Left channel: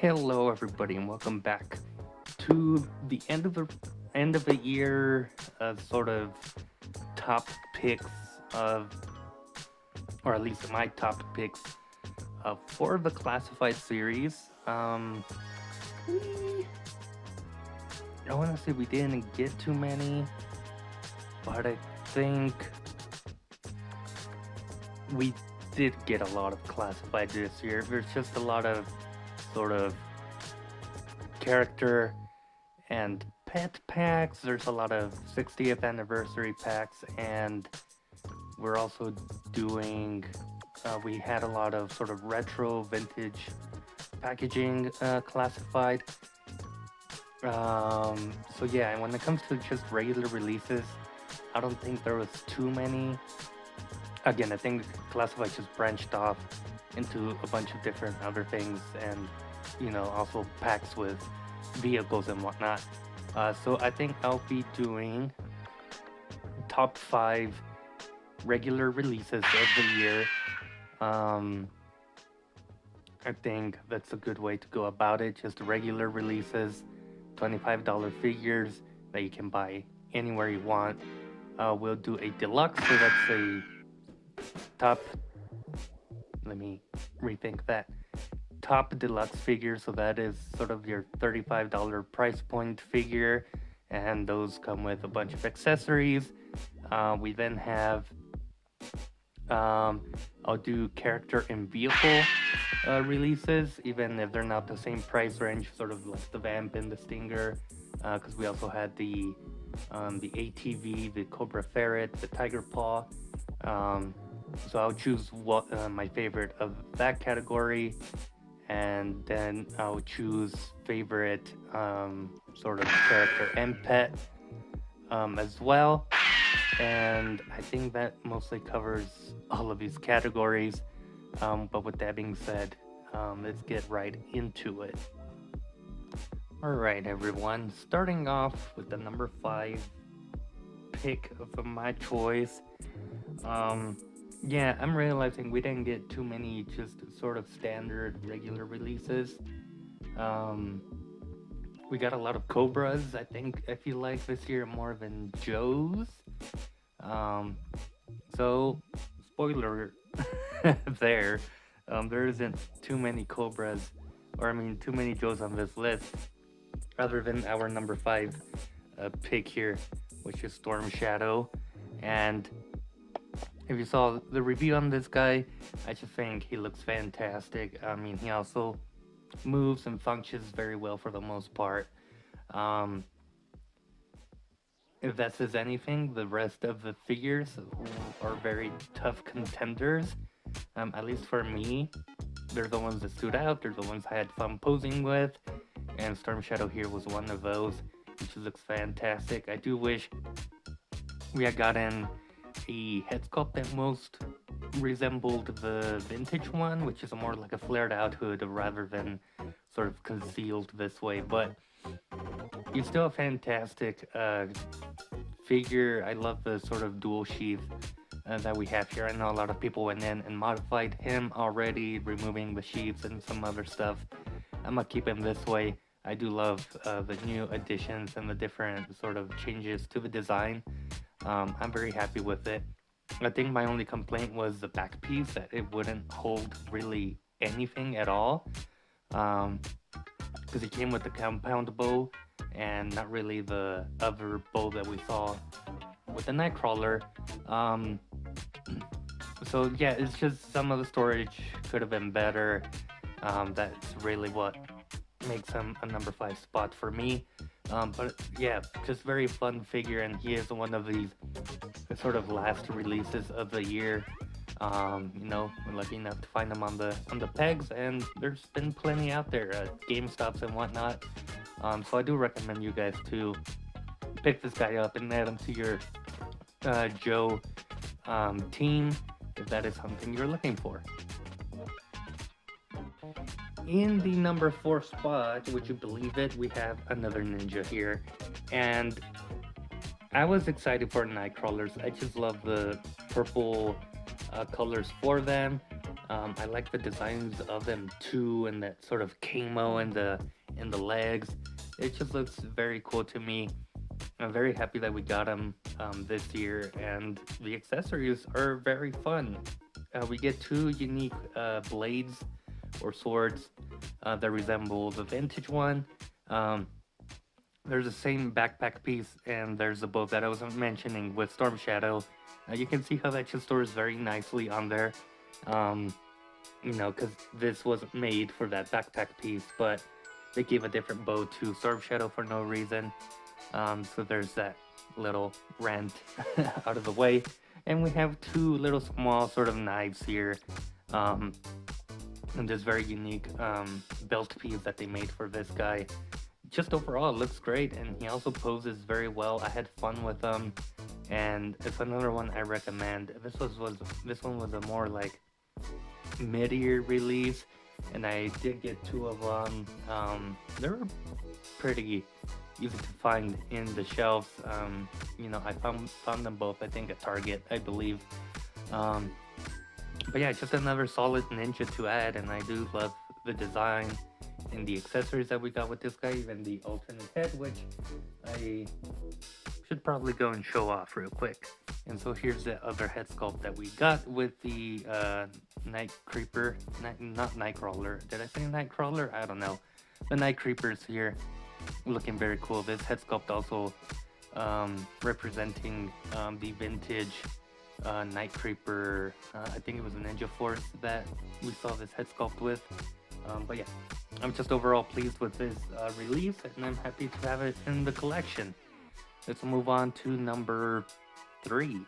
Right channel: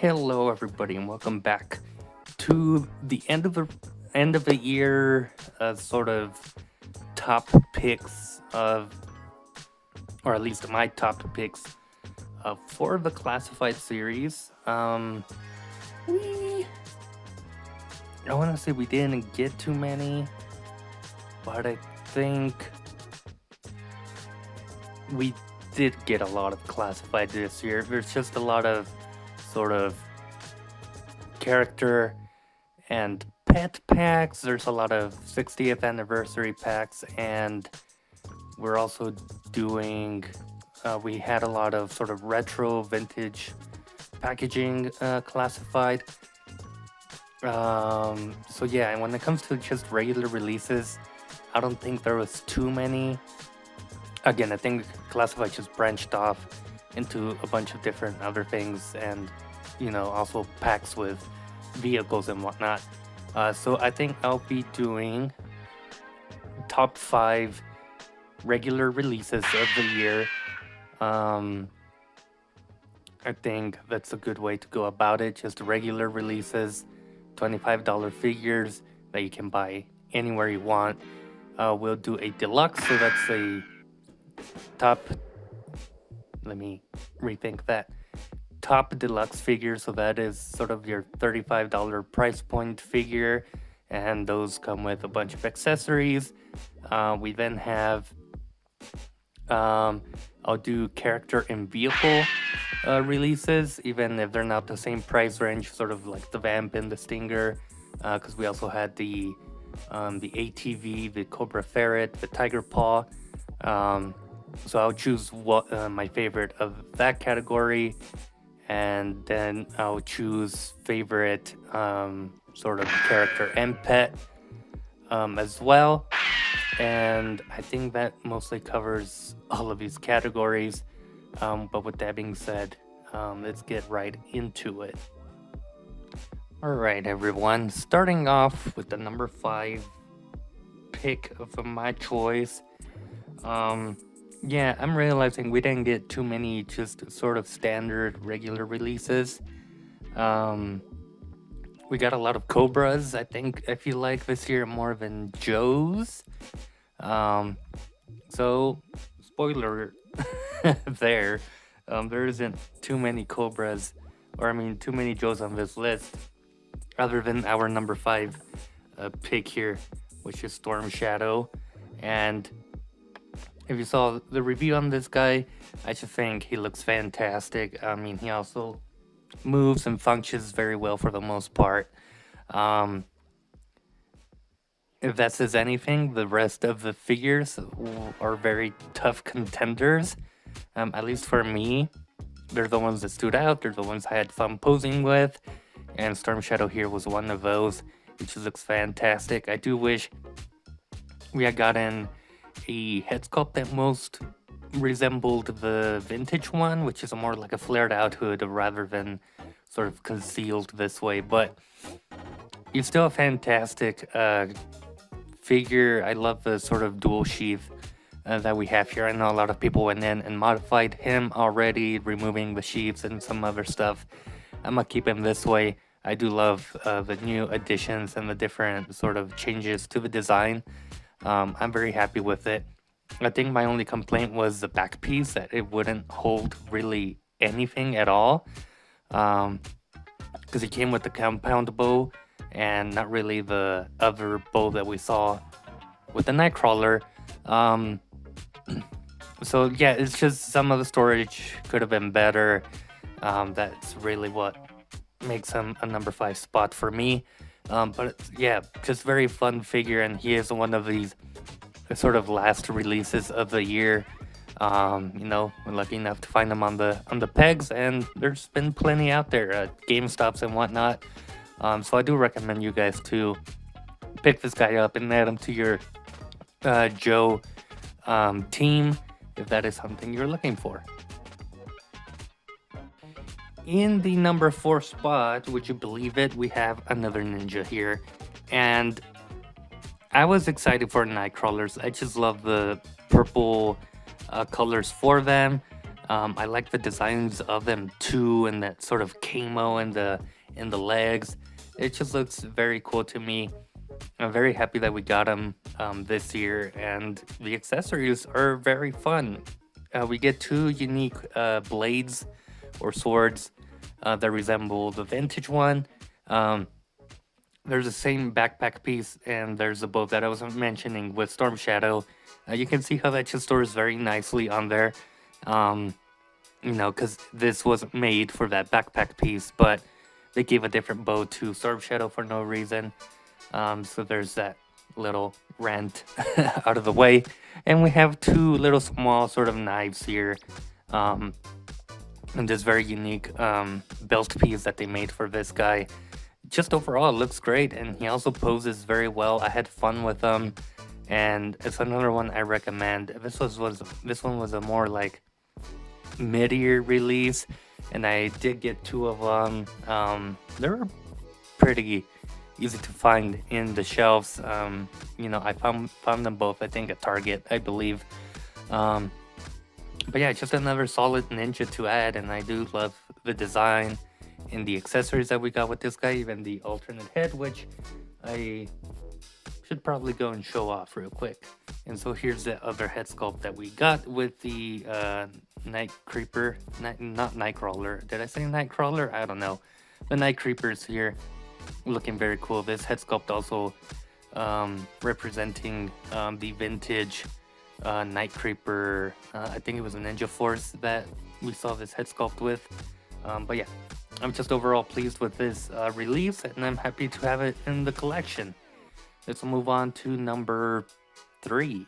Hello, everybody, and welcome back to the end of the year sort of top picks of, or at least my top picks for the classified series. We I want to say we didn't get too many, but I think we did get a lot of classified this year. There's just a lot of sort of character and pet packs. There's a lot of 60th anniversary packs, and we're also doing. We had a lot of sort of retro vintage packaging classified. So yeah, and when it comes to just regular releases, I don't think there was too many. Again, I think classified just branched off into a bunch of different other things, and also packs with vehicles and whatnot. So I think I'll be doing top 5 regular releases of the year. I think that's a good way to go about it. Just regular releases, $25 figures that you can buy anywhere you want. We'll do a deluxe, so that's a top. Let me rethink that. Top deluxe figure, so that is sort of your $35 price point figure, and those come with a bunch of accessories. We then have I'll do character and vehicle releases, even if they're not the same price range, sort of like the Vamp and the Stinger, because we also had the ATV, the Cobra Ferret, the Tiger Paw. So I'll choose what my favorite of that category, and then I'll choose favorite sort of character and pet as well. And I think that mostly covers all of these categories. But with that being said, let's get right into it. All right, everyone. Starting off with the number 5 pick of my choice. Yeah, I'm realizing we didn't get too many just sort of standard regular releases. We got a lot of Cobras. I feel like this year more than Joes. So spoiler there. There isn't too many Cobras, or I mean, too many Joes on this list, other than our number 5 pick here, which is Storm Shadow. And if you saw the review on this guy, I just think he looks fantastic. I mean, he also moves and functions very well for the most part. If that says anything, the rest of the figures are very tough contenders. At least for me, they're the ones that stood out. They're the ones I had fun posing with, and Storm Shadow here was one of those. It just looks fantastic. I do wish we had gotten a head sculpt that most resembled the vintage one, which is more like a flared out hood rather than sort of concealed this way. But it's still a fantastic figure. I love the sort of dual sheath that we have here. I know a lot of people went in and modified him already, removing the sheaths and some other stuff. I'm gonna keep him this way. I do love the new additions and the different sort of changes to the design. I'm very happy with it. I think my only complaint was the back piece, that it wouldn't hold really anything at all, because it came with the compound bow and not really the other bow that we saw with the Nightcrawler. So yeah, it's just some of the storage could have been better. That's really what makes him a number 5 spot for me. But yeah, just very fun figure, and he is one of these sort of last releases of the year. We're lucky enough to find them on the pegs, and there's been plenty out there at GameStops and whatnot. So I do recommend you guys to pick this guy up and add him to your Joe team if that is something you're looking for. In the number 4 spot, would you believe it, we have another ninja here. And I was excited for Nightcrawlers. I just love the purple colors for them. I like the designs of them too, and that sort of camo in the legs. It just looks very cool to me. I'm very happy that we got them this year, and the accessories are very fun. We get two unique blades or swords that resemble the vintage one. Um, there's the same backpack piece, and there's the bow that I was mentioning with Storm Shadow. You can see how that just stores very nicely on there. Um, because this wasn't made for that backpack piece, but they gave a different bow to Storm Shadow for no reason. So there's that little rant out of the way. And we have two little small sort of knives here. Um, and this very unique belt piece that they made for this guy. Just overall, it looks great, and he also poses very well. I had fun with him, and it's another one I recommend. This one was a more like mid-year release, and I did get two of them. They were pretty easy to find in the shelves. I found them both, I think, at Target, I believe. But yeah, it's just another solid ninja to add, and I do love the design and the accessories that we got with this guy, even the alternate head, which I should probably go and show off real quick. And so here's the other head sculpt that we got with the Night Creeper, not Nightcrawler. Did I say Nightcrawler? I don't know. The Night Creepers here, looking very cool. This head sculpt also representing the vintage Night Creeper. I think it was a Ninja Force that we saw this head sculpt with. But yeah, I'm just overall pleased with this release, and I'm happy to have it in the collection. Let's move on to number 3.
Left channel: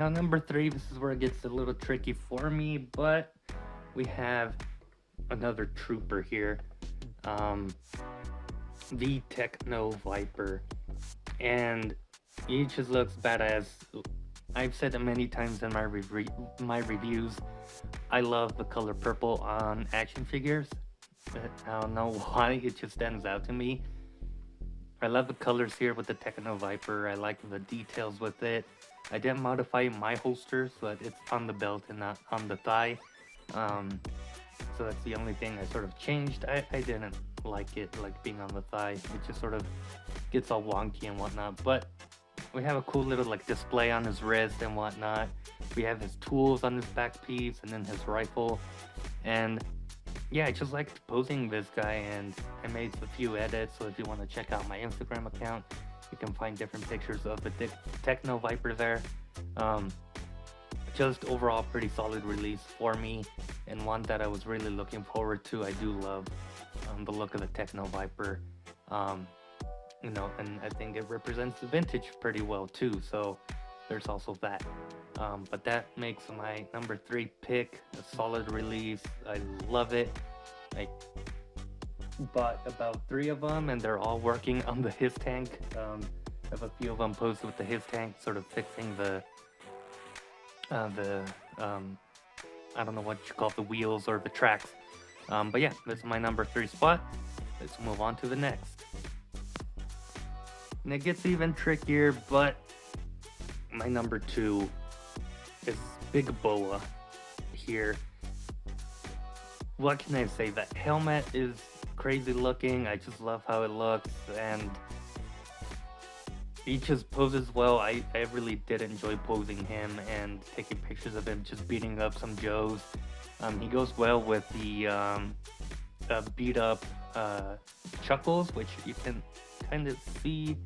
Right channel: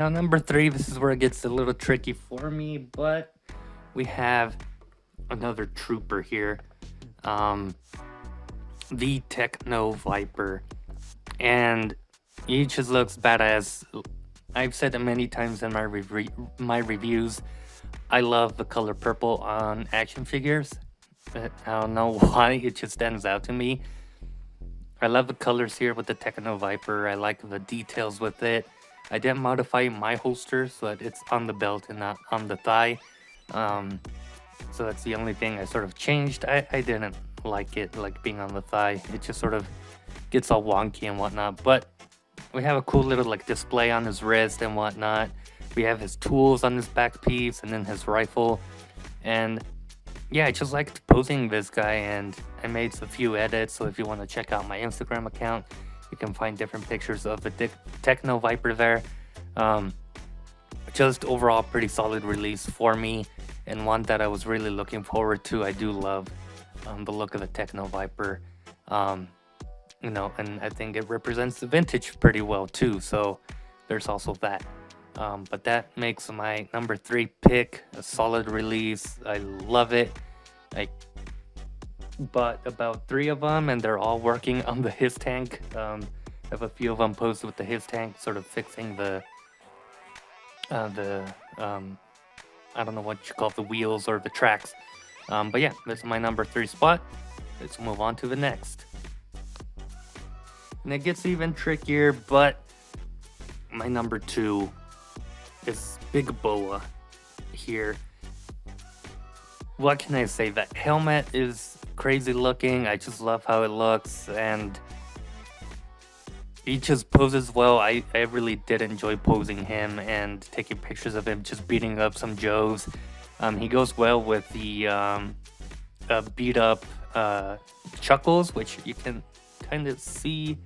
Now, number 3, this is where it gets a little tricky for me, but we have another trooper here. The Techno Viper. And he just looks badass. I've said it many times in my reviews. I love the color purple on action figures. I don't know why, it just stands out to me. I love the colors here with the Techno Viper. I like the details with it. I didn't modify my holster so that it's on the belt and not on the thigh. So that's the only thing I sort of changed. I didn't like it, like being on the thigh. It just sort of gets all wonky and whatnot. But we have a cool little like display on his wrist and whatnot. We have his tools on his back piece and then his rifle. And yeah, I just liked posing this guy, and I made a few edits. So if you want to check out my Instagram account, you can find different pictures of the Techno Viper there. Just overall pretty solid release for me, and one that I was really looking forward to. I do love the look of the Techno Viper. And I think it represents the vintage pretty well too. So there's also that. But that makes my number 3 pick a solid release. I love it. I bought about 3 of them, and they're all working on the his tank. I have a few of them posted with the his tank, sort of fixing the I don't know what you call it, the wheels or the tracks. But yeah, this is my number 3 spot. Let's move on to the next. And it gets even trickier, but my number 2 is Big Boa here. What can I say? That helmet is crazy looking. I just love how it looks, and he just poses well. I really did enjoy posing him and taking pictures of him just beating up some Joes. He goes well with the beat up Chuckles, which you can kind of see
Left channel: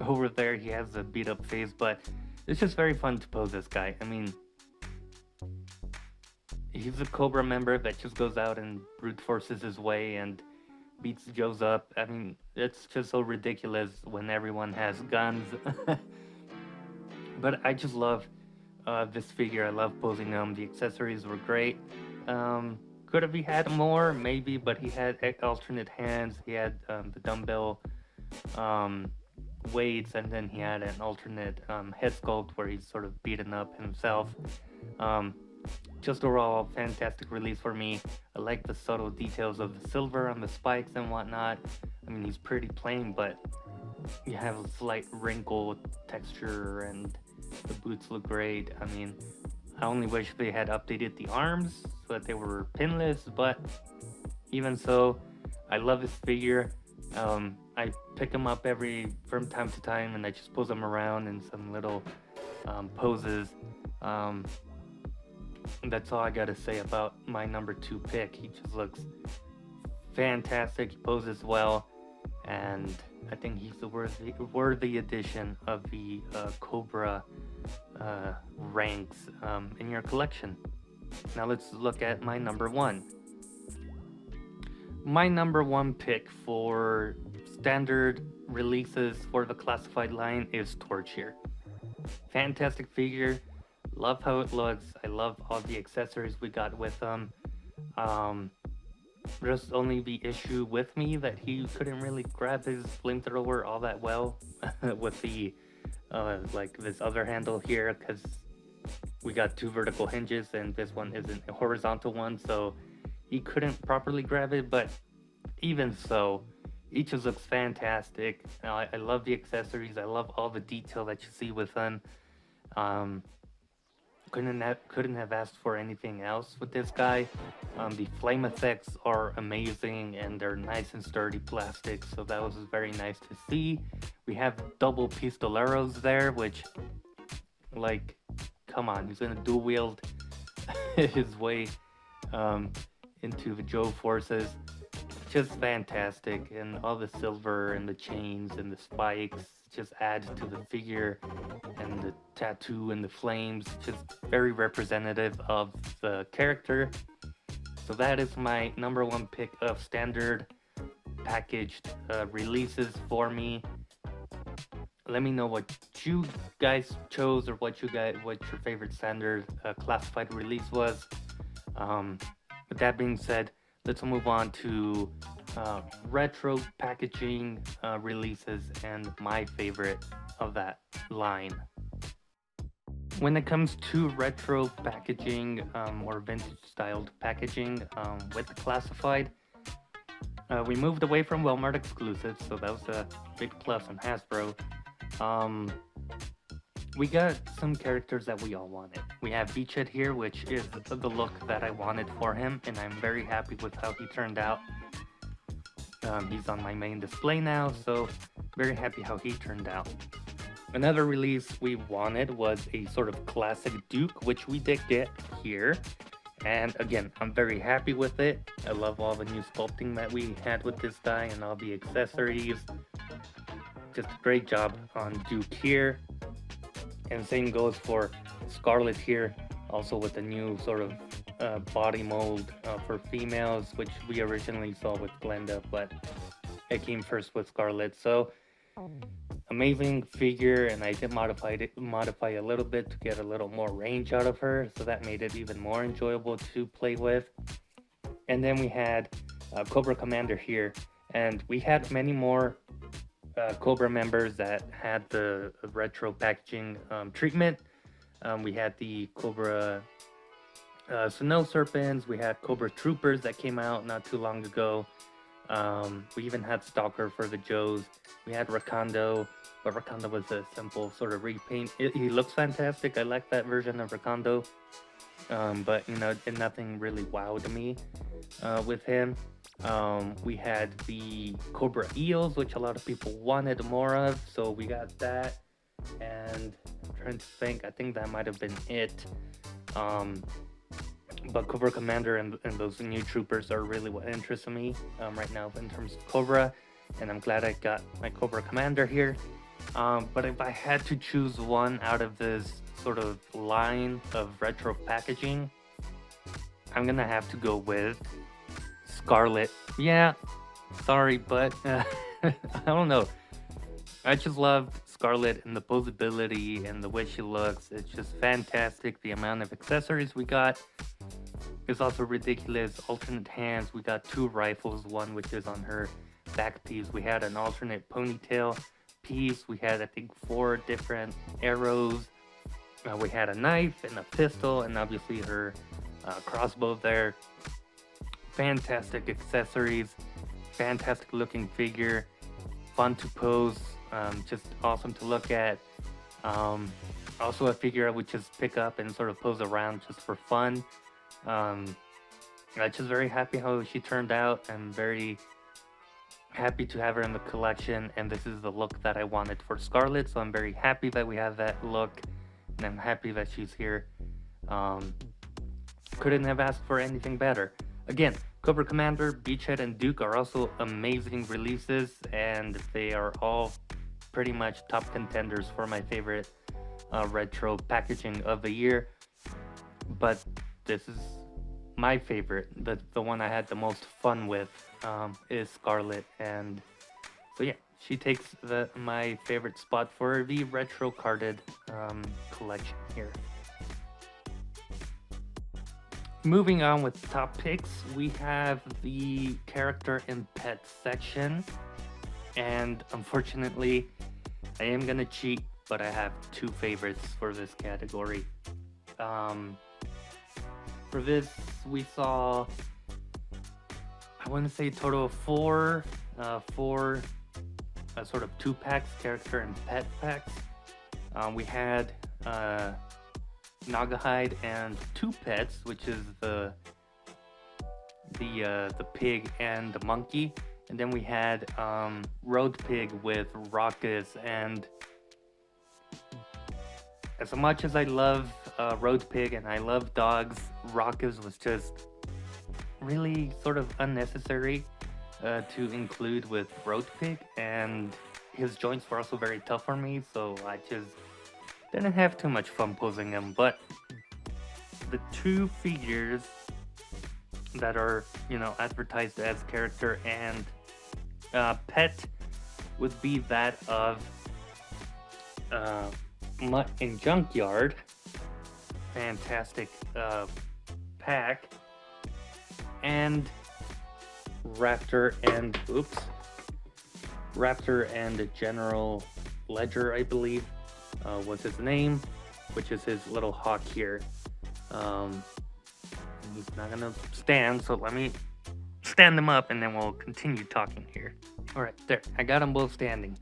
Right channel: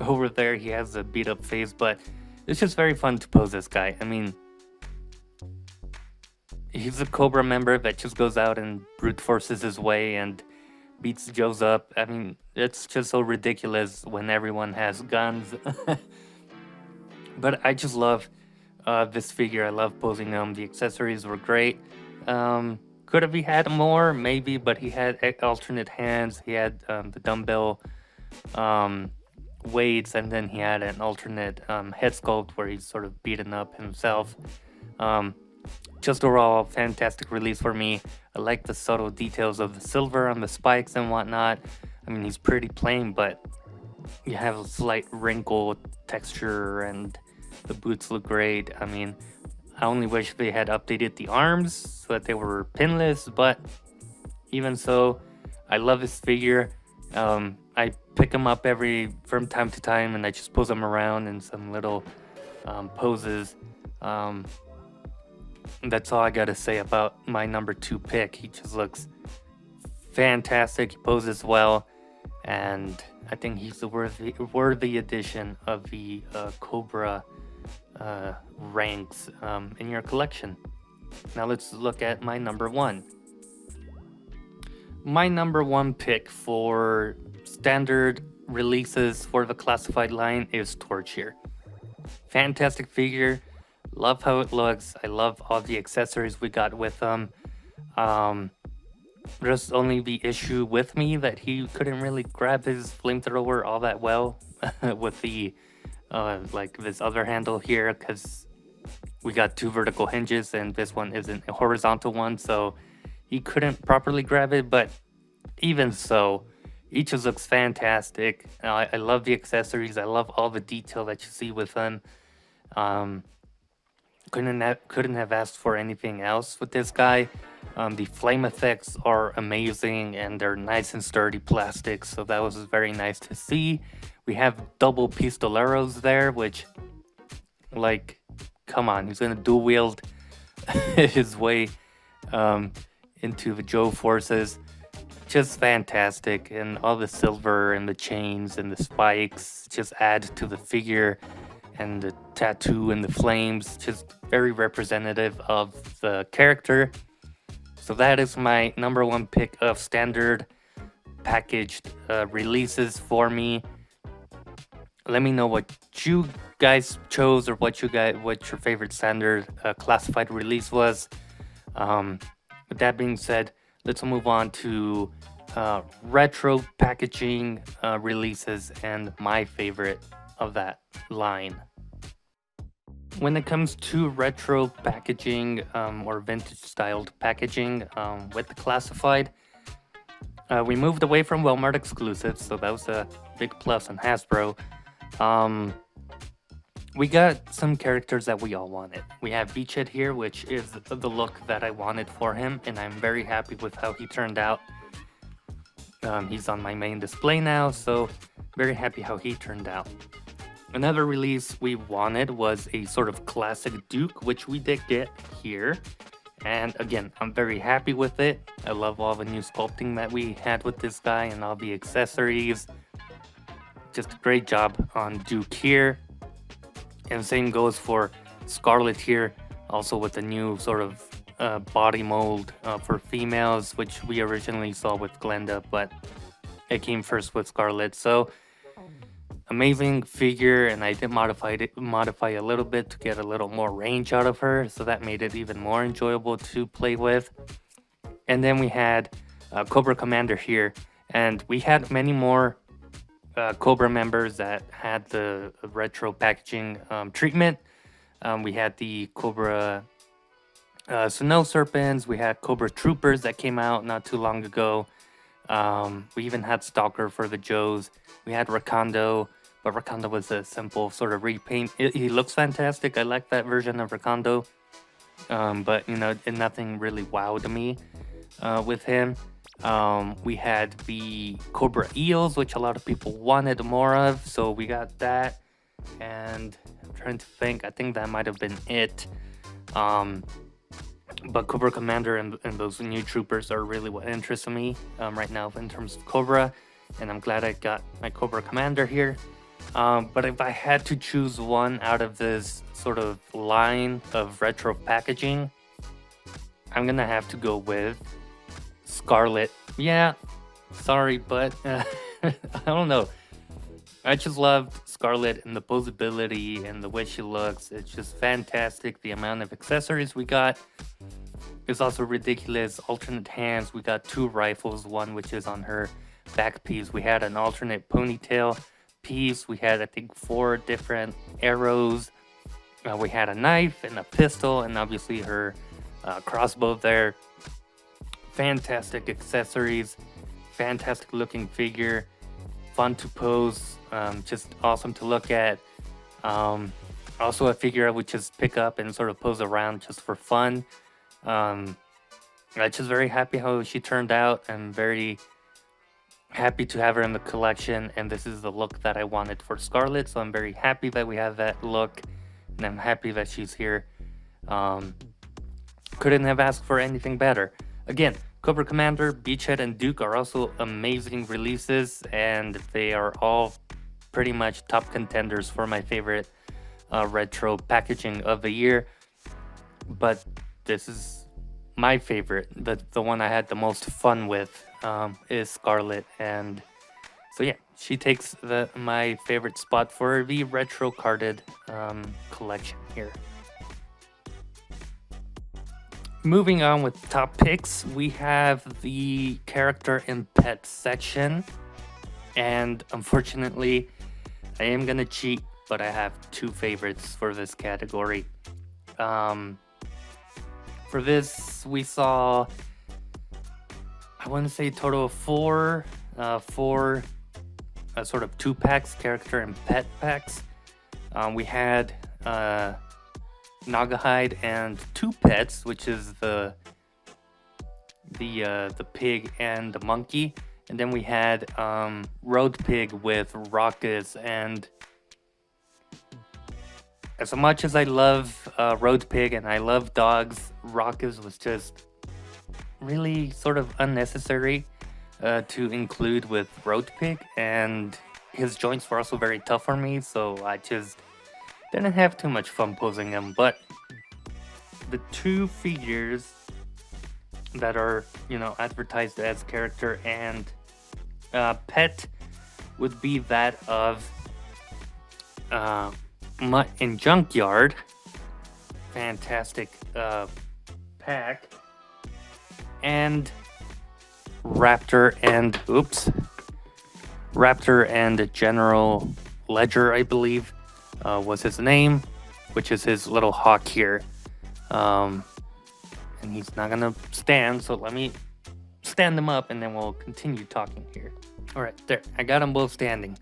over there. He has a beat up face, but it's just very fun to pose this guy. I mean, he's a Cobra member that just goes out and brute forces his way and beats Joes up. I mean, it's just so ridiculous when everyone has guns. But I just love this figure. I love posing him. The accessories were great. Could have he had more? Maybe, but he had alternate hands. He had the dumbbell weights, and then he had an alternate head sculpt where he's sort of beaten up himself. Just overall, fantastic release for me. I like the subtle details of the silver on the spikes and whatnot. I mean, he's pretty plain, but You have a slight wrinkle texture, and the boots look great. I mean, I only wish they had updated the arms so that they were pinless, but even so, I love this figure. I pick him up from time to time, and I just pose him around in some little poses. Um, that's all I gotta say about my number 2 pick. He just looks fantastic. He poses well, and I think he's a worthy addition of the Cobra ranks in your collection. Now let's look at my number 1. My number 1 pick for standard releases for the classified line is Torch here. Fantastic figure. Love how it looks. I love all the accessories we got with them. There's only the issue with me that he couldn't really grab his flamethrower all that well with the like this other handle here, because we got 2 vertical hinges and this one isn't a horizontal one, so he couldn't properly grab it. But even so, each just looks fantastic. I love the accessories. I love all the detail that you see with them. Couldn't have asked for anything else with this guy. The flame effects are amazing, and they're nice and sturdy plastic, so that was very nice to see. We have double pistoleros there, which, like, come on, he's gonna dual wield his way into the Joe forces. Just fantastic, and all the silver and the chains and the spikes just add to the figure, and the tattoo and the flames, just very representative of the character. So that is my number 1 pick of standard packaged releases for me. Let me know what you guys chose, or what your favorite standard classified release was. With that being said, let's move on to retro packaging releases and my favorite of that line. When it comes to retro packaging or vintage styled packaging with the classified, we moved away from Walmart exclusives, so that was a big plus on Hasbro. We got some characters that we all wanted. We have Beachhead here, which is the look that I wanted for him, and I'm very happy with how he turned out. He's on my main display now, so very happy how he turned out. Another release we wanted was a sort of classic Duke, which we did get here. And again, I'm very happy with it. I love all the new sculpting that we had with this guy and all the accessories. Just a great job on Duke here. And same goes for Scarlet here, also with the new sort of body mold for females, which we originally saw with Glenda, but it came first with Scarlet. So amazing figure, and I did modify a little bit to get a little more range out of her, so that made it even more enjoyable to play with. And then we had Cobra Commander here, and we had many more Cobra members that had the retro packaging treatment. We had the Cobra Snow Serpents, we had Cobra Troopers that came out not too long ago. We even had Stalker for the Joes. We had Rakondo, but Rakondo was a simple sort of repaint. He looks fantastic. I like that version of Rakondo, but you know, nothing really wowed me with him. We had the Cobra Eels, which a lot of people wanted more of, so we got that. And I'm trying to think, I think that might have been it. But Cobra Commander and those new troopers are really what interests me right now in terms of Cobra, and I'm glad I got my Cobra Commander here. But if I had to choose one out of this sort of line of retro packaging, I'm gonna have to go with Scarlet. Yeah, sorry, but I don't know. I just love Scarlet and the posability and the way she looks. It's just fantastic. The amount of accessories we got is also ridiculous. Alternate hands. We got 2 rifles, one which is on her back piece. We had an alternate ponytail piece. We had, I think, 4 different arrows. We had a knife and a pistol, and obviously her crossbow there. Fantastic accessories. Fantastic looking figure. fun to pose, just awesome to look at. Um, Also a figure I would just pick up and sort of pose around just for fun. Um, I'm just very happy how she turned out, and very happy to have her in the collection. And this is the look that I wanted for Scarlet, so I'm very happy that we have that look, and I'm happy that she's here. Um, couldn't have asked for anything better. Again, Cobra Commander, Beachhead, and Duke are also amazing releases, and they are all pretty much top contenders for my favorite retro packaging of the year. But this is my favorite, the one I had the most fun with, is Scarlet. And so yeah, she takes my favorite spot for the retro carded collection here. Moving on with top picks, we have the character and pet section. And unfortunately, I am gonna cheat, but I have two favorites for this category. For this, we saw, I want to say, a total of four sort of 2-packs, character and pet packs. We had Nagahide and two pets, which is the pig and the monkey, and then we had Road Pig with Raucous. And as much as I love Road Pig and I love dogs, Raucous was just really sort of unnecessary to include with Road Pig, and his joints were also very tough for me, so I just didn't have too much fun posing him. But the two figures that are, advertised as character and pet would be that of Mutt and Junkyard. Fantastic pack. And Raptor and General Ledger, I believe, was his name, which is his little hawk here. And he's not gonna stand, so let me stand him up and then we'll continue talking here. All right, there, I got them both standing.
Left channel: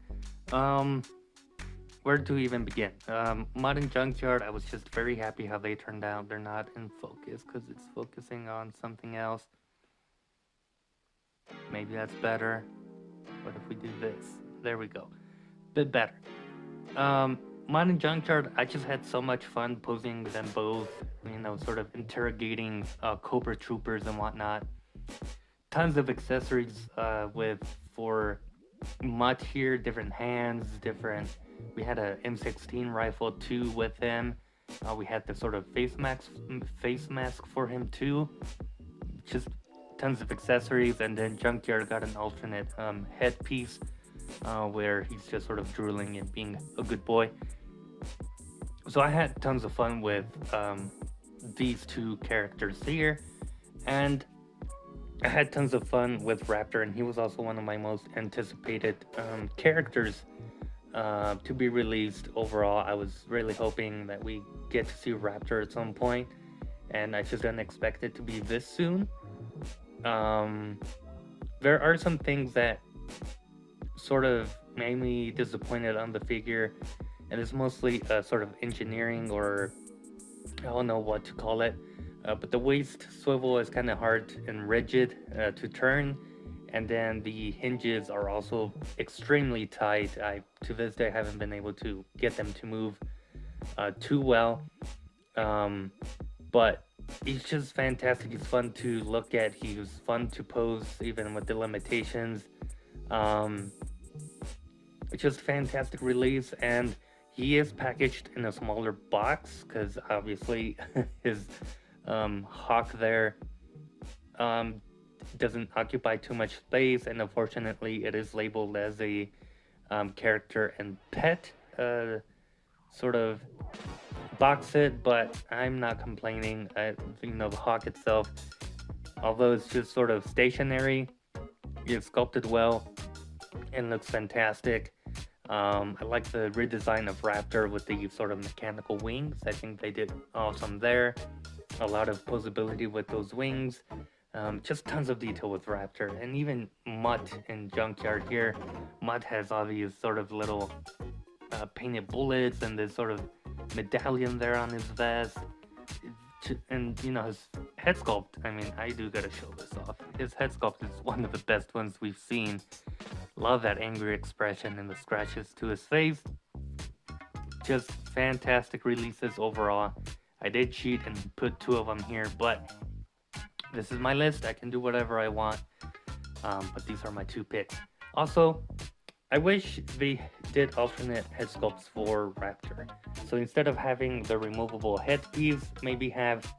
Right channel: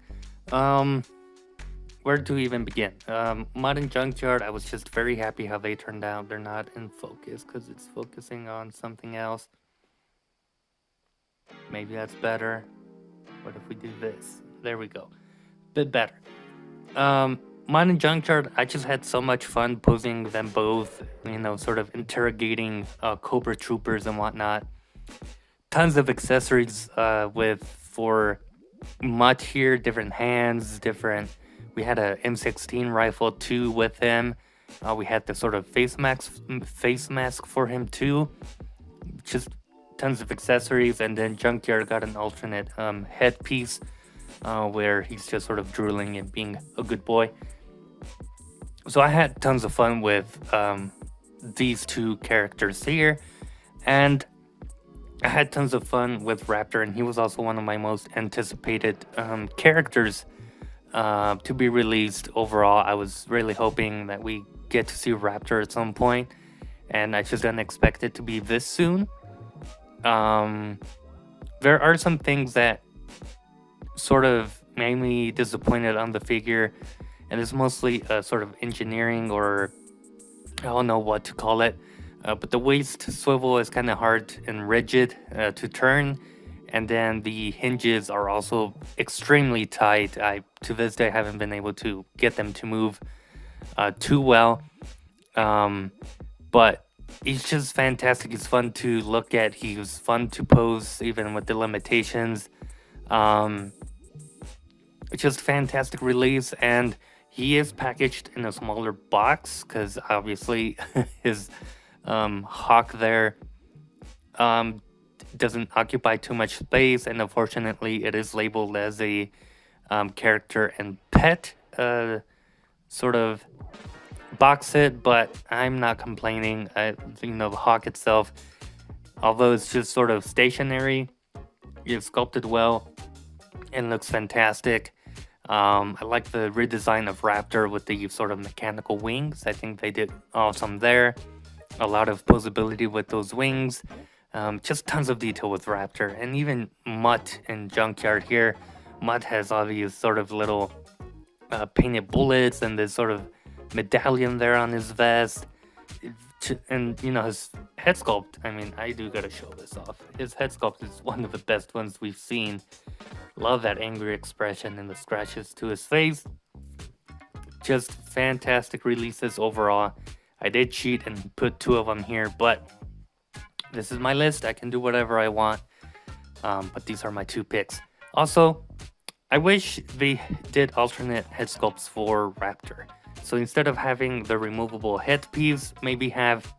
Where to even begin? Mutt and Junkyard, I was just very happy how they turned out. They're not in focus because it's focusing on something else. Maybe that's better. What if we do this? There we go. Bit better. Mutt and Junkyard, I just had so much fun posing them both, sort of interrogating Cobra Troopers and whatnot. Tons of accessories for Mutt here, different hands, we had a M16 rifle too with him. We had the sort of face mask for him too. Just tons of accessories. And then Junkyard got an alternate headpiece where he's just sort of drooling and being a good boy. So I had tons of fun with these two characters here, and I had tons of fun with Raptor, and he was also one of my most anticipated characters to be released overall. I was really hoping that we get to see Raptor at some point, and I just didn't expect it to be this soon. There are some things that sort of made me disappointed on the figure, and it's mostly sort of engineering, or I don't know what to call it. But the waist swivel is kind of hard and rigid to turn, and then the hinges are also extremely tight. I, to this day, haven't been able to get them to move too well. But he's just fantastic. He's fun to look at. He was fun to pose, even with the limitations. It's just fantastic release, and he is packaged in a smaller box because obviously his hawk there doesn't occupy too much space, and unfortunately it is labeled as a character and pet sort of box set, but I'm not complaining. The hawk itself, although it's just sort of stationary, it's sculpted well and looks fantastic. I like the redesign of Raptor with the sort of mechanical wings. I think they did awesome there. A lot of posability with those wings. Just tons of detail with Raptor. And even Mutt and Junkyard here Mutt has all these sort of little painted bullets and this sort of medallion there on his vest. And you know, his head sculpt, I mean, I do gotta show this off. His head sculpt is one of the best ones we've seen. Love that angry expression and the scratches to his face. Just fantastic releases overall. I did cheat and put 2 of them here, but this is my list. I can do whatever I want. But these are my 2 picks. Also, I wish they did alternate head sculpts for Raptor. So instead of having the removable headpiece, maybe have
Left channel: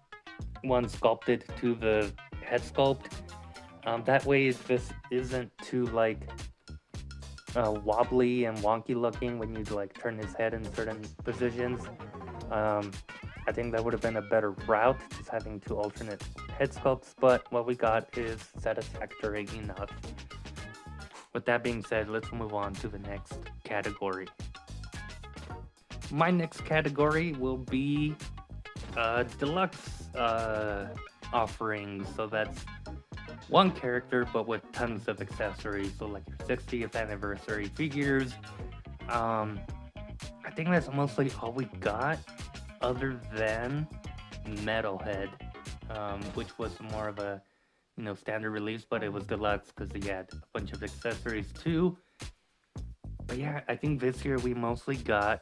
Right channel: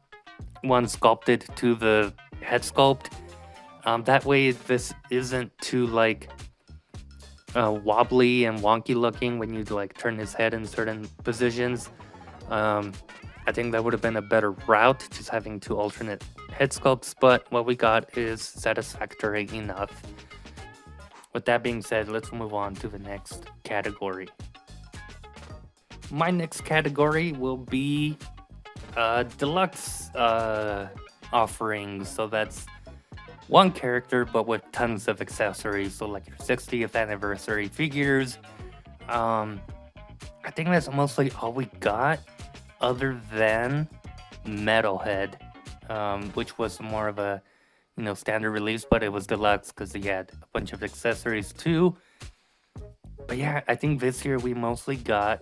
one sculpted to the head sculpt. That way this isn't too like wobbly and wonky looking when you like turn his head in certain positions. I think that would have been a better route, just having 2 alternate head sculpts, but what we got is satisfactory enough. With that being said, let's move on to the next category. My next category will be deluxe offerings. So that's one character, but with tons of accessories. So like your 60th anniversary figures. I think that's mostly all we got, other than Metalhead, which was more of a standard release, but it was deluxe because he had a bunch of accessories too. But yeah, I think this year we mostly got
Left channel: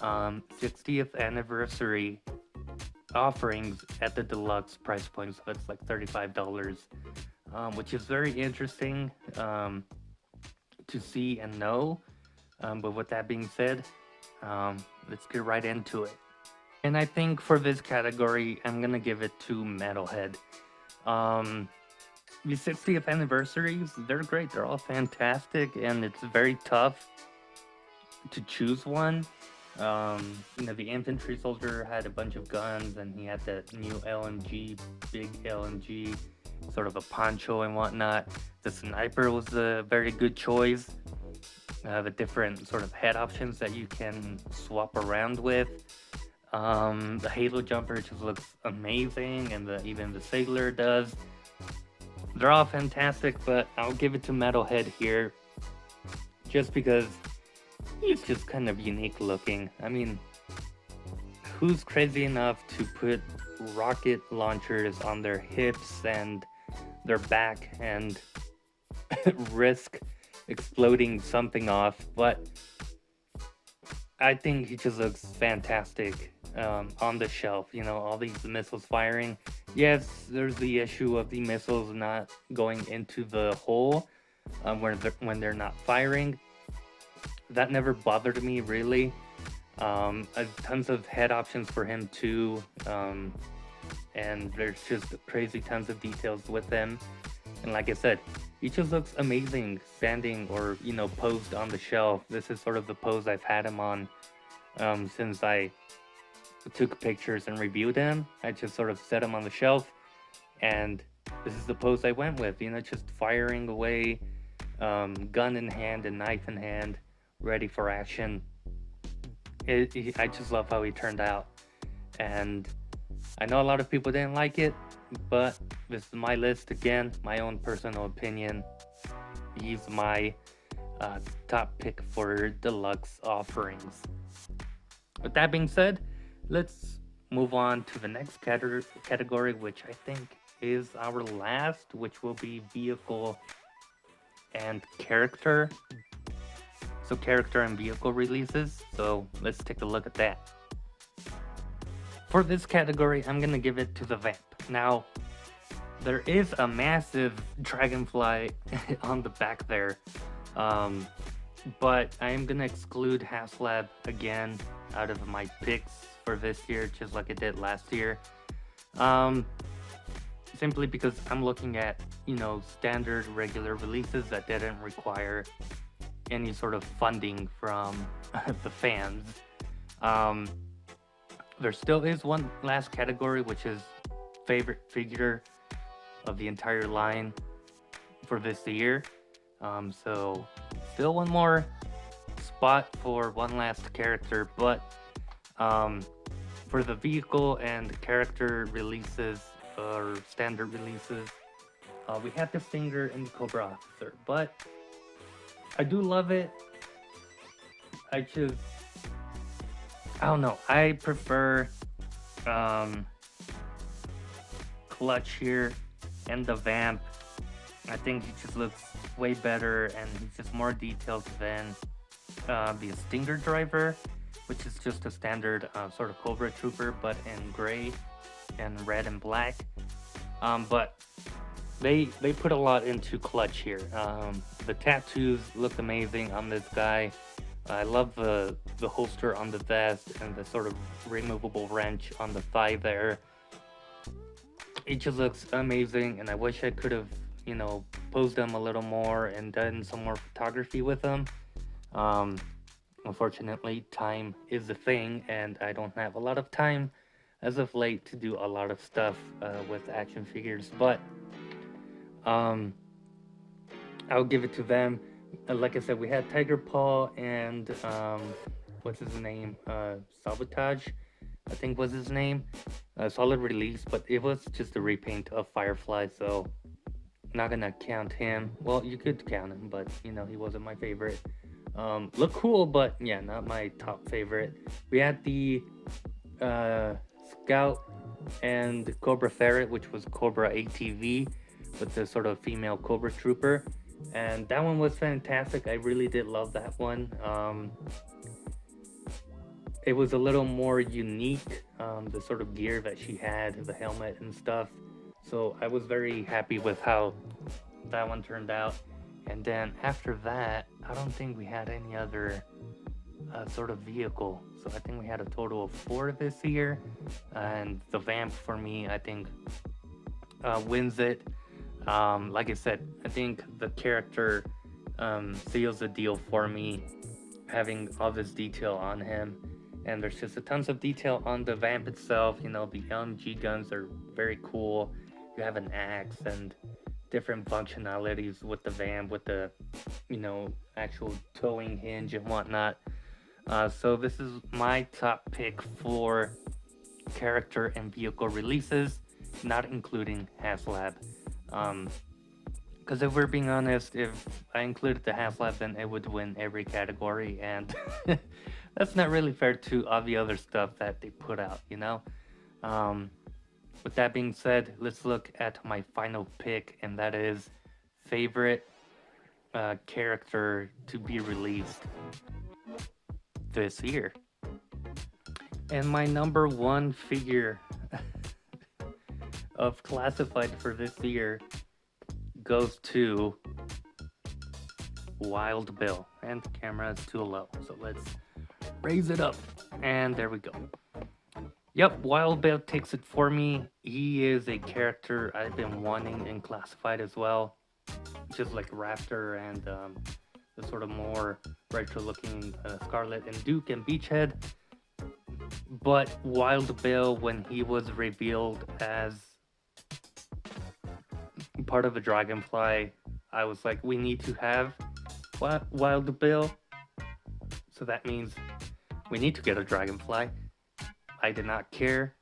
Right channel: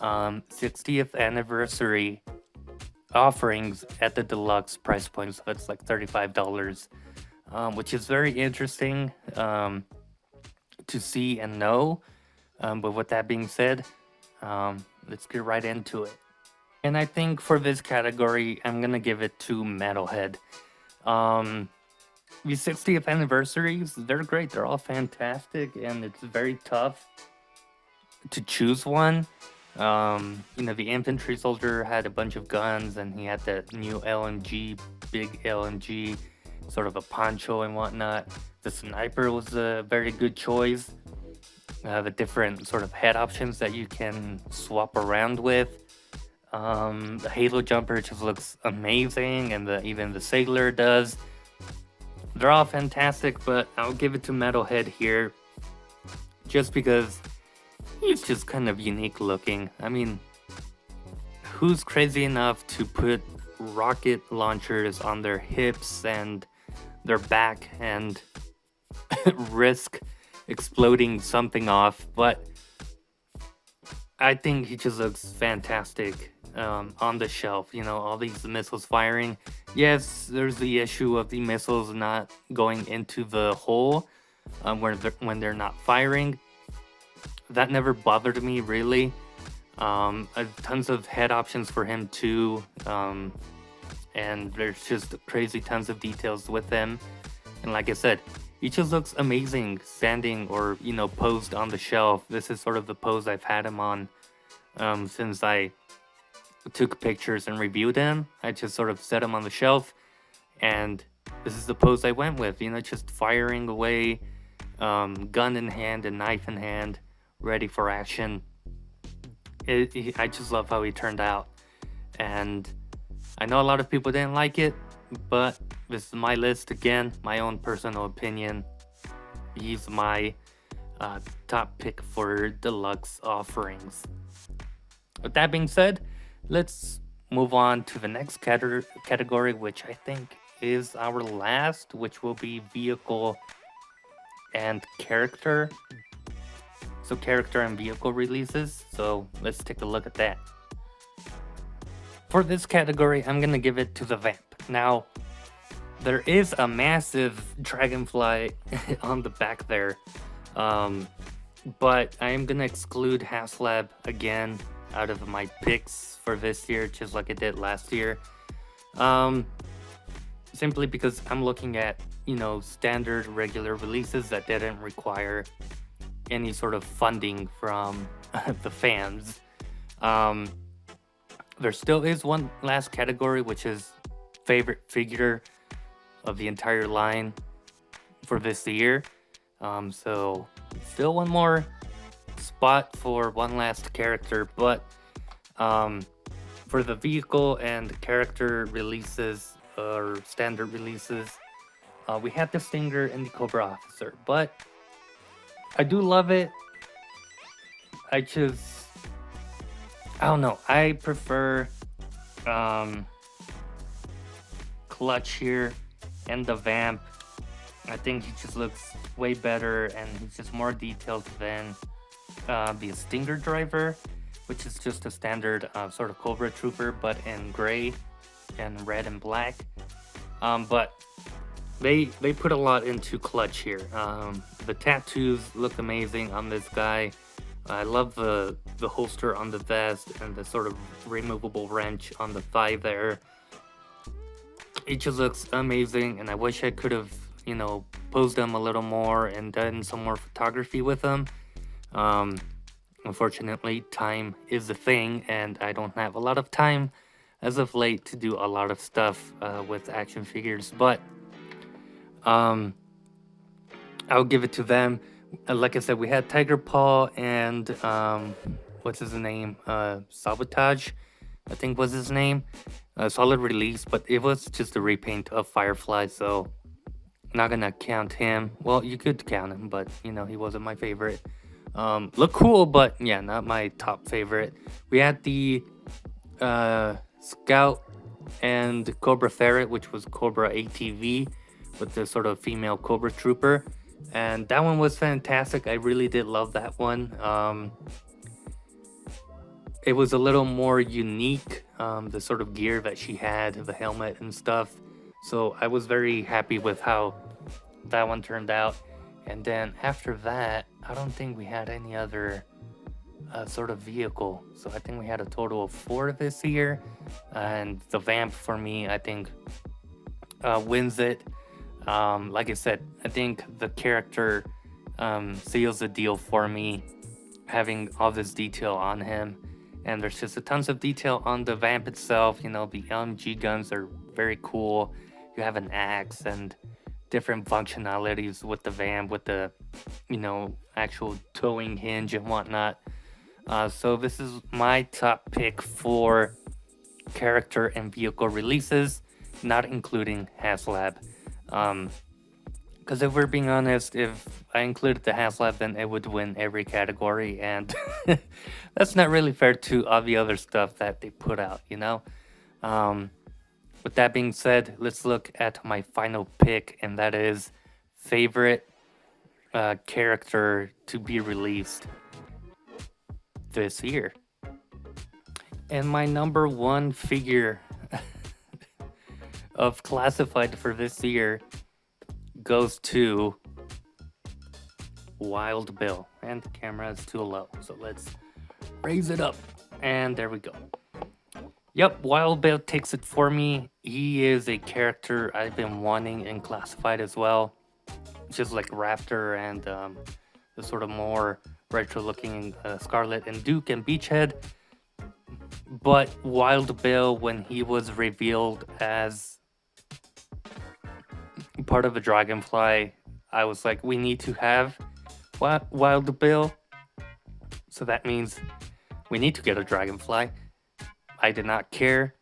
60th anniversary offerings at the deluxe price point, so it's like $35, which is very interesting to see and know. But with that being said, let's get right into it. And I think for this category, I'm gonna give it to Metalhead. The 60th anniversaries, they're great. They're all fantastic, and it's very tough to choose one. The infantry soldier had a bunch of guns, and he had that new LMG, big LMG, sort of a poncho and whatnot. The sniper was a very good choice. The different sort of head options that you can swap around with. The Halo jumper just looks amazing, and even the sailor does. They're all fantastic, but I'll give it to Metalhead here, just because he's just kind of unique looking. I mean, who's crazy enough to put rocket launchers on their hips and their back and risk exploding something off? But I think he just looks fantastic on the shelf. All these missiles firing. Yes, there's the issue of the missiles not going into the hole when they're not firing. That never bothered me, really. Tons of head options for him too, and there's just crazy tons of details with them. And like I said, he just looks amazing standing or posed on the shelf. This is sort of the pose I've had him on since I took pictures and reviewed him. I just sort of set him on the shelf, and this is the pose I went with. Just firing away, gun in hand and knife in hand, ready for action. I just love how he turned out, and I know a lot of people didn't like it, but this is my list again, my own personal opinion. He's my top pick for deluxe offerings. With that being said, let's move on to the next category, which I think is our last, which will be vehicle and character. So character and vehicle releases. So let's take a look at that. For this category, I'm gonna give it to the Vamp. Now, there is a massive dragonfly on the back there, but I am gonna exclude HasLab again out of my picks for this year, just like I did last year. Simply because I'm looking at, standard regular releases that didn't require any sort of funding from the fans. There still is one last category, which is favorite figure of the entire line for this year. So still one more spot for one last character, but for the vehicle and character releases or standard releases, we had the Stinger and the Cobra Officer, but I do love it. I just, I don't know. I prefer um, Clutch here and the Vamp. I think he just looks way better and he's just more detailed than the Stinger Driver, which is just a standard sort of Cobra Trooper, but in gray and red and black. But they put a lot into Clutch here. The tattoos look amazing on this guy. I love the holster on the vest and the sort of removable wrench on the thigh there. It just looks amazing, and I wish I could have, posed them a little more and done some more photography with them. Um, Unfortunately, time is a thing, and I don't have a lot of time as of late to do a lot of stuff with action figures. But um, I'll give it to them. Like I said, we had Tiger Paw and what's his name? Sabotage, I think was his name. Solid release, but it was just a repaint of Firefly, so not gonna count him. Well, you could count him, but he wasn't my favorite. Look cool, but yeah, not my top favorite. We had the Scout and Cobra Ferret, which was Cobra ATV with the sort of female Cobra Trooper, and that one was fantastic. I really did love that one. It was a little more unique, the sort of gear that she had, the helmet and stuff. So I was very happy with how that one turned out. And then after that, I don't think we had any other sort of vehicle. So I think we had a total of 4 this year. And the Vamp for me, I think, wins it. Like I said, I think the character seals the deal for me, having all this detail on him. And there's just a tons of detail on the Vamp itself. The LMG guns are very cool. You have an axe and different functionalities with the Vamp, with the, actual towing hinge and whatnot. So this is my top pick for character and vehicle releases, not including HasLab. Because if we're being honest, if I included the HasLab, then it would win every category, and that's not really fair to all the other stuff that they put out, With that being said, let's look at my final pick, and that is favorite character to be released this year. And my number one figure of classified for this year goes to Wild Bill. And the camera is too low, so let's raise it up. And there we go. Yep, Wild Bill takes it for me. He is a character I've been wanting in classified as well. Just like Raptor and the sort of more retro looking Scarlet and Duke and Beachhead. But Wild Bill, when he was revealed as part of a Dragonfly, I was like, we need to have Wild Bill. So that means we need to get a Dragonfly. I did not care.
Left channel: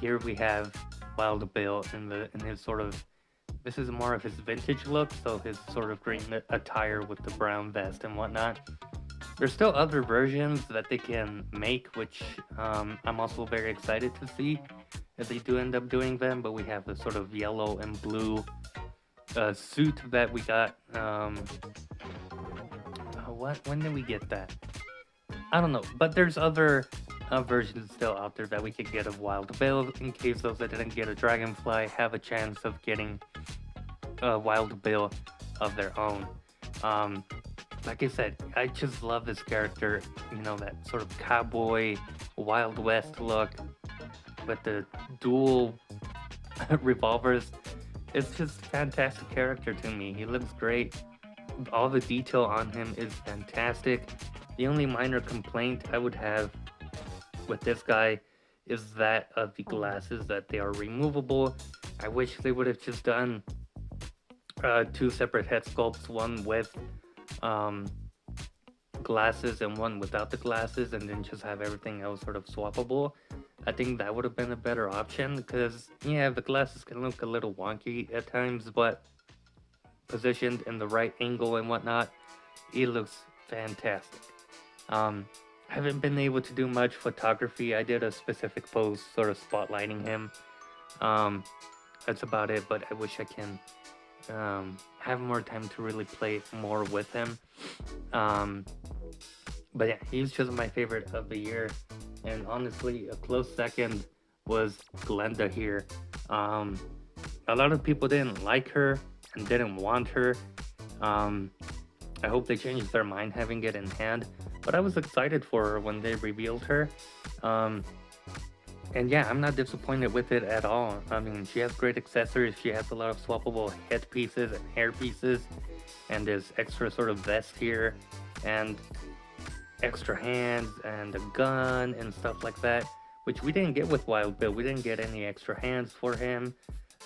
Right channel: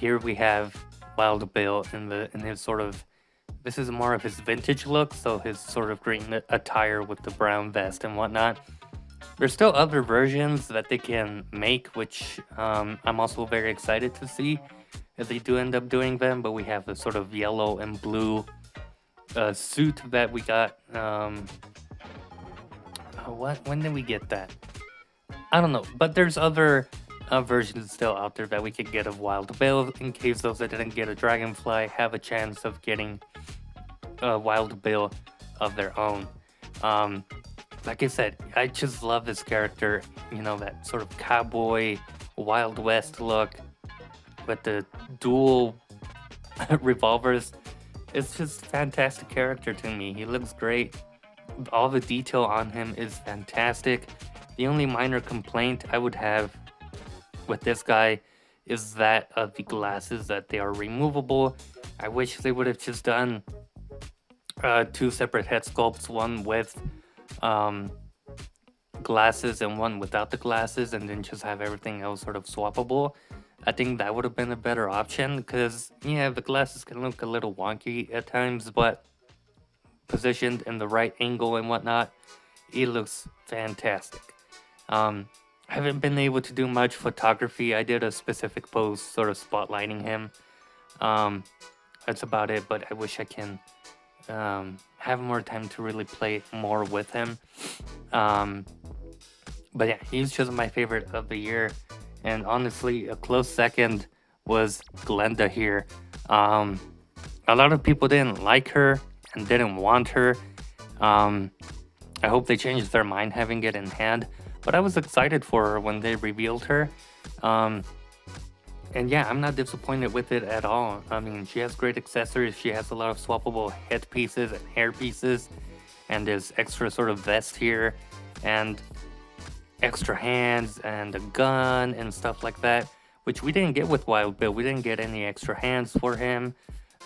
Here we have Wild Bill in his sort of, this is more of his vintage look, so his sort of green attire with the brown vest and whatnot. There's still other versions that they can make, which I'm also very excited to see if they do end up doing them, but we have the sort of yellow and blue suit that we got. When did we get that? I don't know, but there's other versions still out there that we could get of Wild Bill, in case those that didn't get a Dragonfly have a chance of getting a Wild Bill of their own. Like I said, I just love this character, that sort of cowboy, Wild West look with the dual revolvers. It's just a fantastic character to me. He looks great. All the detail on him is fantastic. The only minor complaint I would have with this guy is that of the glasses, that they are removable. I wish they would have just done 2 separate head sculpts, one with glasses and one without the glasses, and then just have everything else sort of swappable. I think that would have been a better option, because yeah, the glasses can look a little wonky at times, but positioned in the right angle and whatnot, it looks fantastic. I haven't been able to do much photography. I did a specific pose sort of spotlighting him. That's about it, but I wish I can have more time to really play more with him. But yeah, he's just my favorite of the year. And honestly, a close second was Glenda here. A lot of people didn't like her and didn't want her. I hope they changed their mind having it in hand. But I was excited for her when they revealed her. And yeah, I'm not disappointed with it at all. I mean, she has great accessories. She has a lot of swappable head pieces and hair pieces. And this extra sort of vest here. And extra hands and a gun and stuff like that. Which we didn't get with Wild Bill. We didn't get any extra hands for him.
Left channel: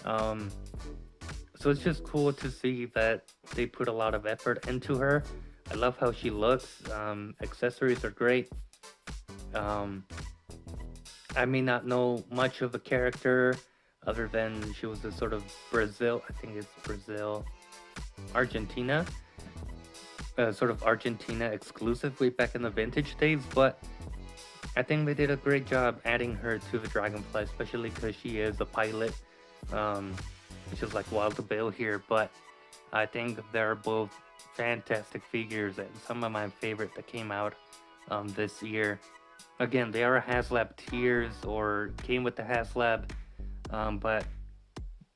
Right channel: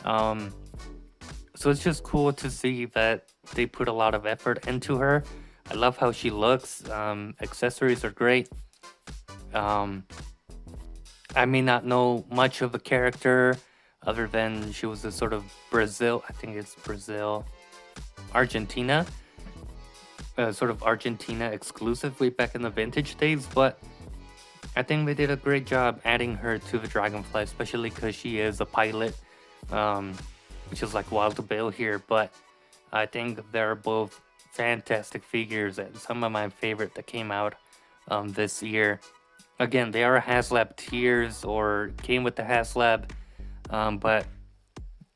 So it's just cool to see that they put a lot of effort into her. I love how she looks. Accessories are great. I may not know much of the character other than she was a sort of Brazil, I think it's Brazil, Argentina, sort of Argentina exclusive way back in the vintage days, but I think they did a great job adding her to the Dragonfly, especially because she is a pilot, which is like Wild Bill here, but I think they're both fantastic figures and some of my favorite that came out this year. Again, they are HasLab tiers or came with the HasLab, but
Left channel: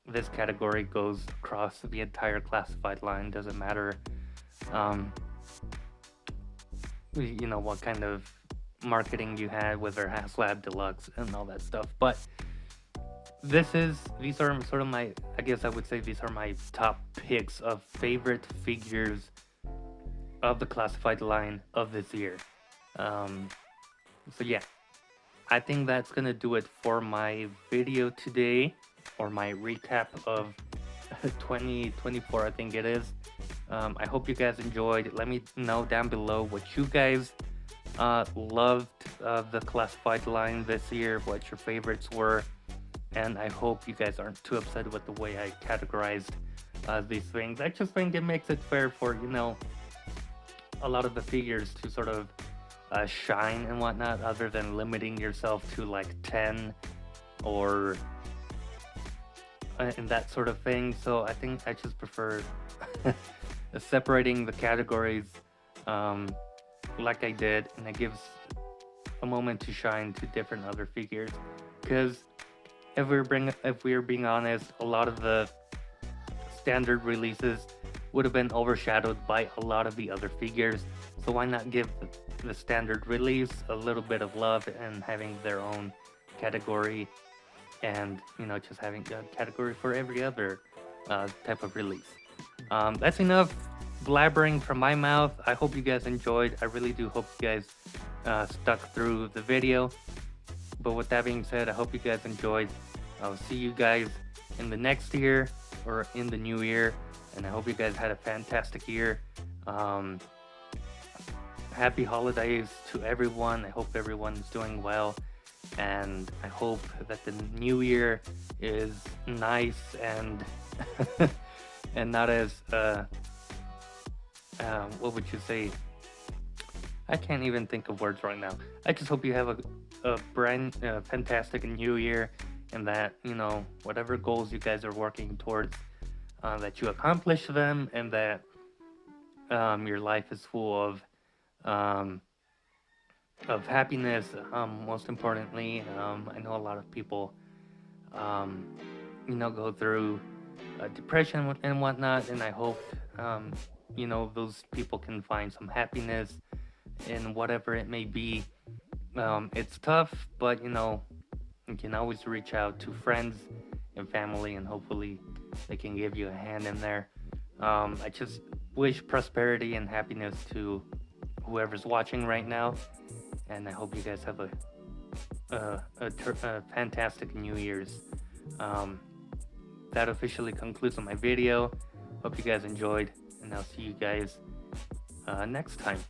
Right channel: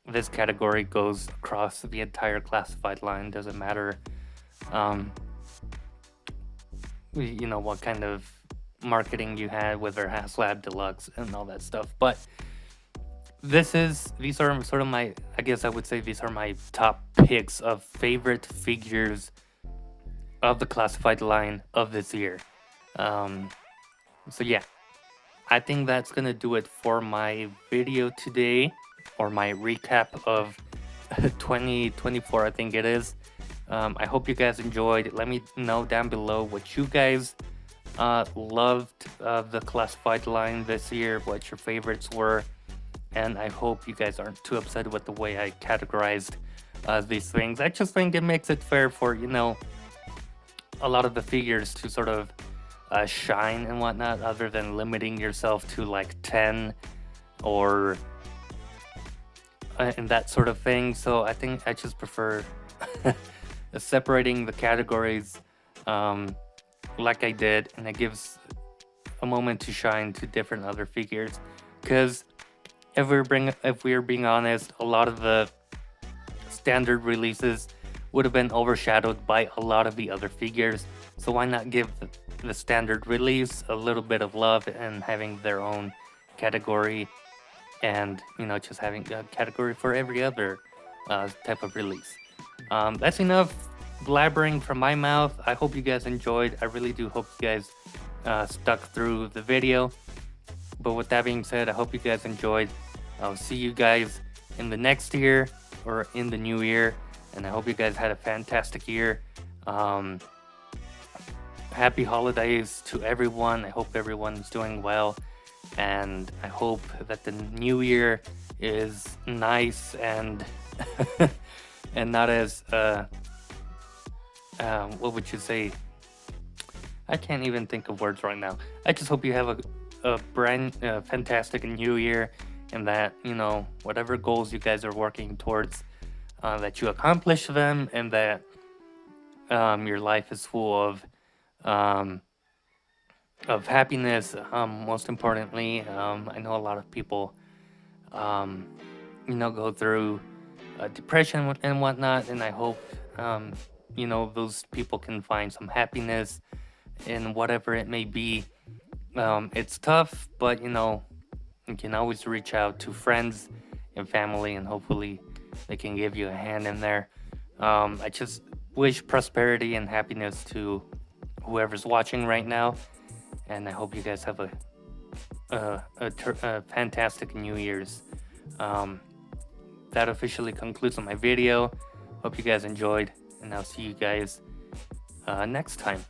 this category goes across the entire classified line. Doesn't matter, you know, what kind of marketing you had with their HasLab Deluxe and all that stuff. But these are sort of my, I guess I would say these are my top picks of favorite figures of the classified line of this year. So yeah, I think that's gonna do it for my video today, or my recap of 2024, I think it is. I hope you guys enjoyed. Let me know down below what you guys loved the classified line this year, what your favorites were, and I hope you guys aren't too upset with the way I categorized these things. I just think it makes it fair for, you know, a lot of the figures to sort of shine and whatnot, other than limiting yourself to like 10 or and that sort of thing. So I think I just prefer separating the categories like I did, and it gives a moment to shine to different other figures. Because if we're being honest, a lot of the standard releases would have been overshadowed by a lot of the other figures. So why not give the standard release a little bit of love and having their own category, and, you know, just having a category for every other type of release. That's enough blabbering from my mouth. I hope you guys enjoyed. I really do hope you guys stuck through the video. But with that being said, I hope you guys enjoyed. I'll see you guys in the next year or in the new year, and I hope you guys had a fantastic year. Happy holidays to everyone. I hope everyone's doing well, and I hope that the new year is nice and and not as what would you say? I can't even think of words right now. I just hope you have a brand fantastic new year, and that, you know, whatever goals you guys are working towards, that you accomplish them, and that your life is full of happiness. Most importantly, I know a lot of people, you know, go through depression and whatnot, and I hope, you know, those people can find some happiness in whatever it may be. It's tough, but, you know, you can always reach out to friends and family, and hopefully they can give you a hand in there. I just wish prosperity and happiness to whoever's watching right now, and I hope you guys have a fantastic New Year's. That officially concludes on my video. Hope you guys enjoyed, and I'll see you guys next time.